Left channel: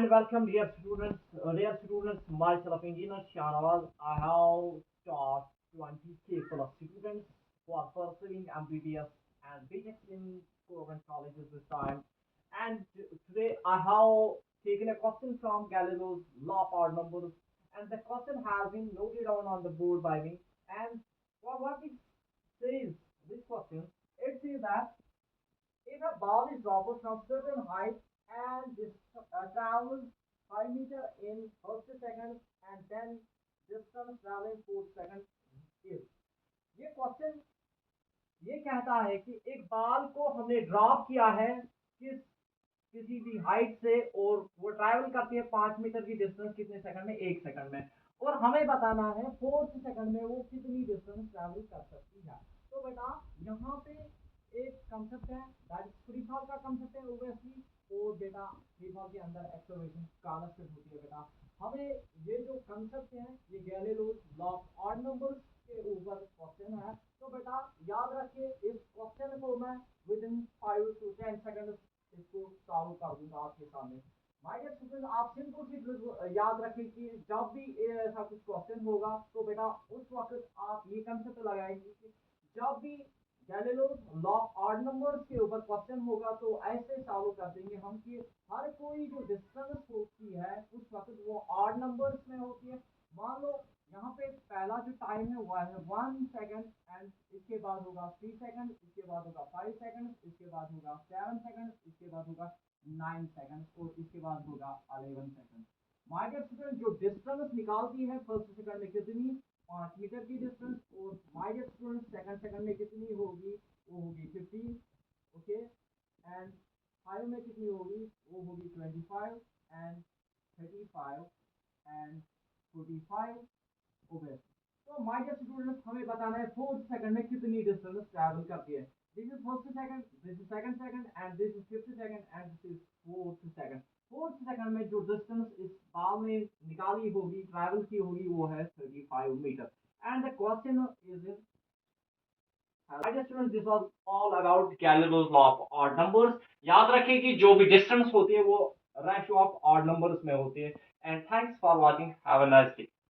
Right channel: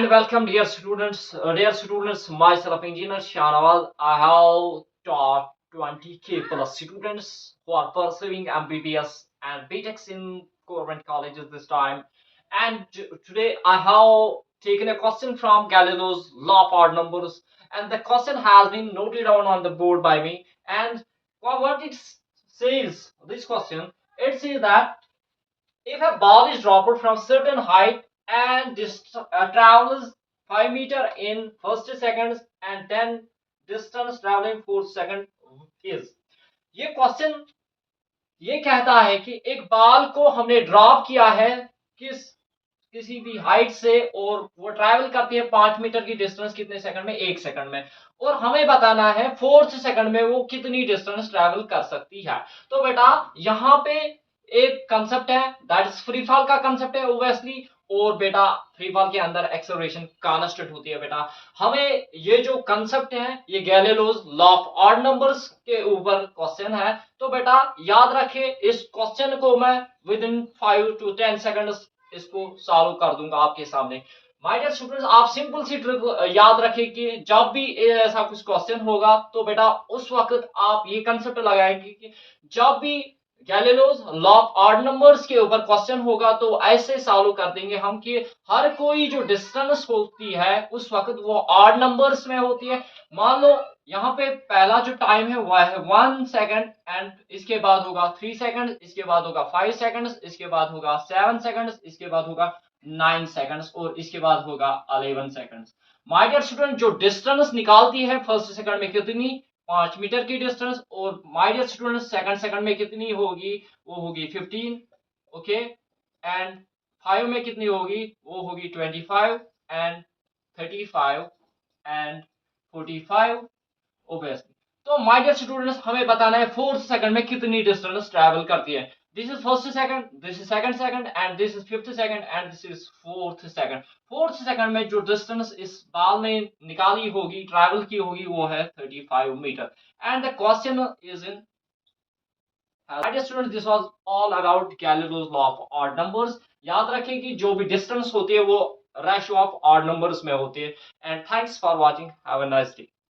and welcome, dear students. Myself, Engineer Shanawaz. I have taught 20k plus students who are pursuing MBBS and BTECs in government colleges this time. And today I have taken a question from Galileo's law of odd numbers, and the question has been noted down on the board by me. And what it says, this question, it says that if a ball is dropped from certain height and travels 5 meter in first seconds and then distance traveling 4 second is, ये question ये कहता है कि एक ball को हमने drop किया है किसी भी हाइट से और वो ट्रैवल करती है 5 मीटर की डिस्टेंस कितने सेकंड में, 1 सेकंड में, और हमें बताना है फोर्थ सेकंड में वो कितनी डिस्टेंस ट्रैवल कर सकती है। तो बेटा यहाँ पे एक कंसेप्ट है, दैट इज फ्री फॉल का कंसेप्ट है ओब्वियसली, और बेटा फ्री फॉल के अंदर एक्सेलरेशन कांस्टेंट होती है। बेटा हमें ये जो कंसेप्ट है ये Galileo's law of odd numbers के ऊपर क्वेश्चन है। तो बेटा याद रखे, इस क्वेश्चन को मैं विद इन 5 to 10 सेकंड्स इसको सॉल्व कर दूंगा आपके सामने। माय डियर स्टूडेंट्स, आप सिंपल सी ट्रिक याद रखें कि जब भी ऐसा कुछ क्वेश्चन होगा तो बेटा उस वक्त आप ये कंसेप्ट लगाएंगे कि जब भी Galileo's law of odd numbers के ऊपर क्वेश्चन होगा तो ऐसे सॉल्व कर देंगे हम कि हर कोई जो डिस्टेंस होती है उस वक्त वो ऑड नंबर्स में होती है। मान लो यहाँ पे पहला जो टाइम है वो है 1 सेकंड, एंड इसके बाद होगा 3 सेकंड, इसके बाद होगा 5 सेकंड्स, इसके बाद होगा 7 सेकंड्स, इसके बाद होगा 9 सेकंड्स और इसके बाद होगा 11 सेकंड्स। माय डियर स्टूडेंट, जो डिस्टेंस निकालती है फर्स्ट सेकंड में कितनी, 5 मीटर की डिस्टेंस, और my dear student second second में कितनी होगी, वो होगी 15, ओके, एंड 5 में कितनी होगी, वो होगी 25, एंड 35 एंड 45 ओब्वियसली। तो माय डियर स्टूडेंट्स हमें बताना है फोर्थ सेकंड में कितनी डिस्टेंस ट्रैवल करती है। This is first second, this is second second, and this is fifth second, and this is fourth second. Fourth second में जो डिस्टेंस इस बॉल ने निकाली होगी, ट्रैवल की होगी, वो है 35 metre. And the question is in, my dear students, this was all about Galileo's law of odd numbers. याद रखें कि जो भी डिस्टेंस होती है वो रेशियो ऑफ ऑड नंबर्स में होती है। And thanks for watching, have a nice day.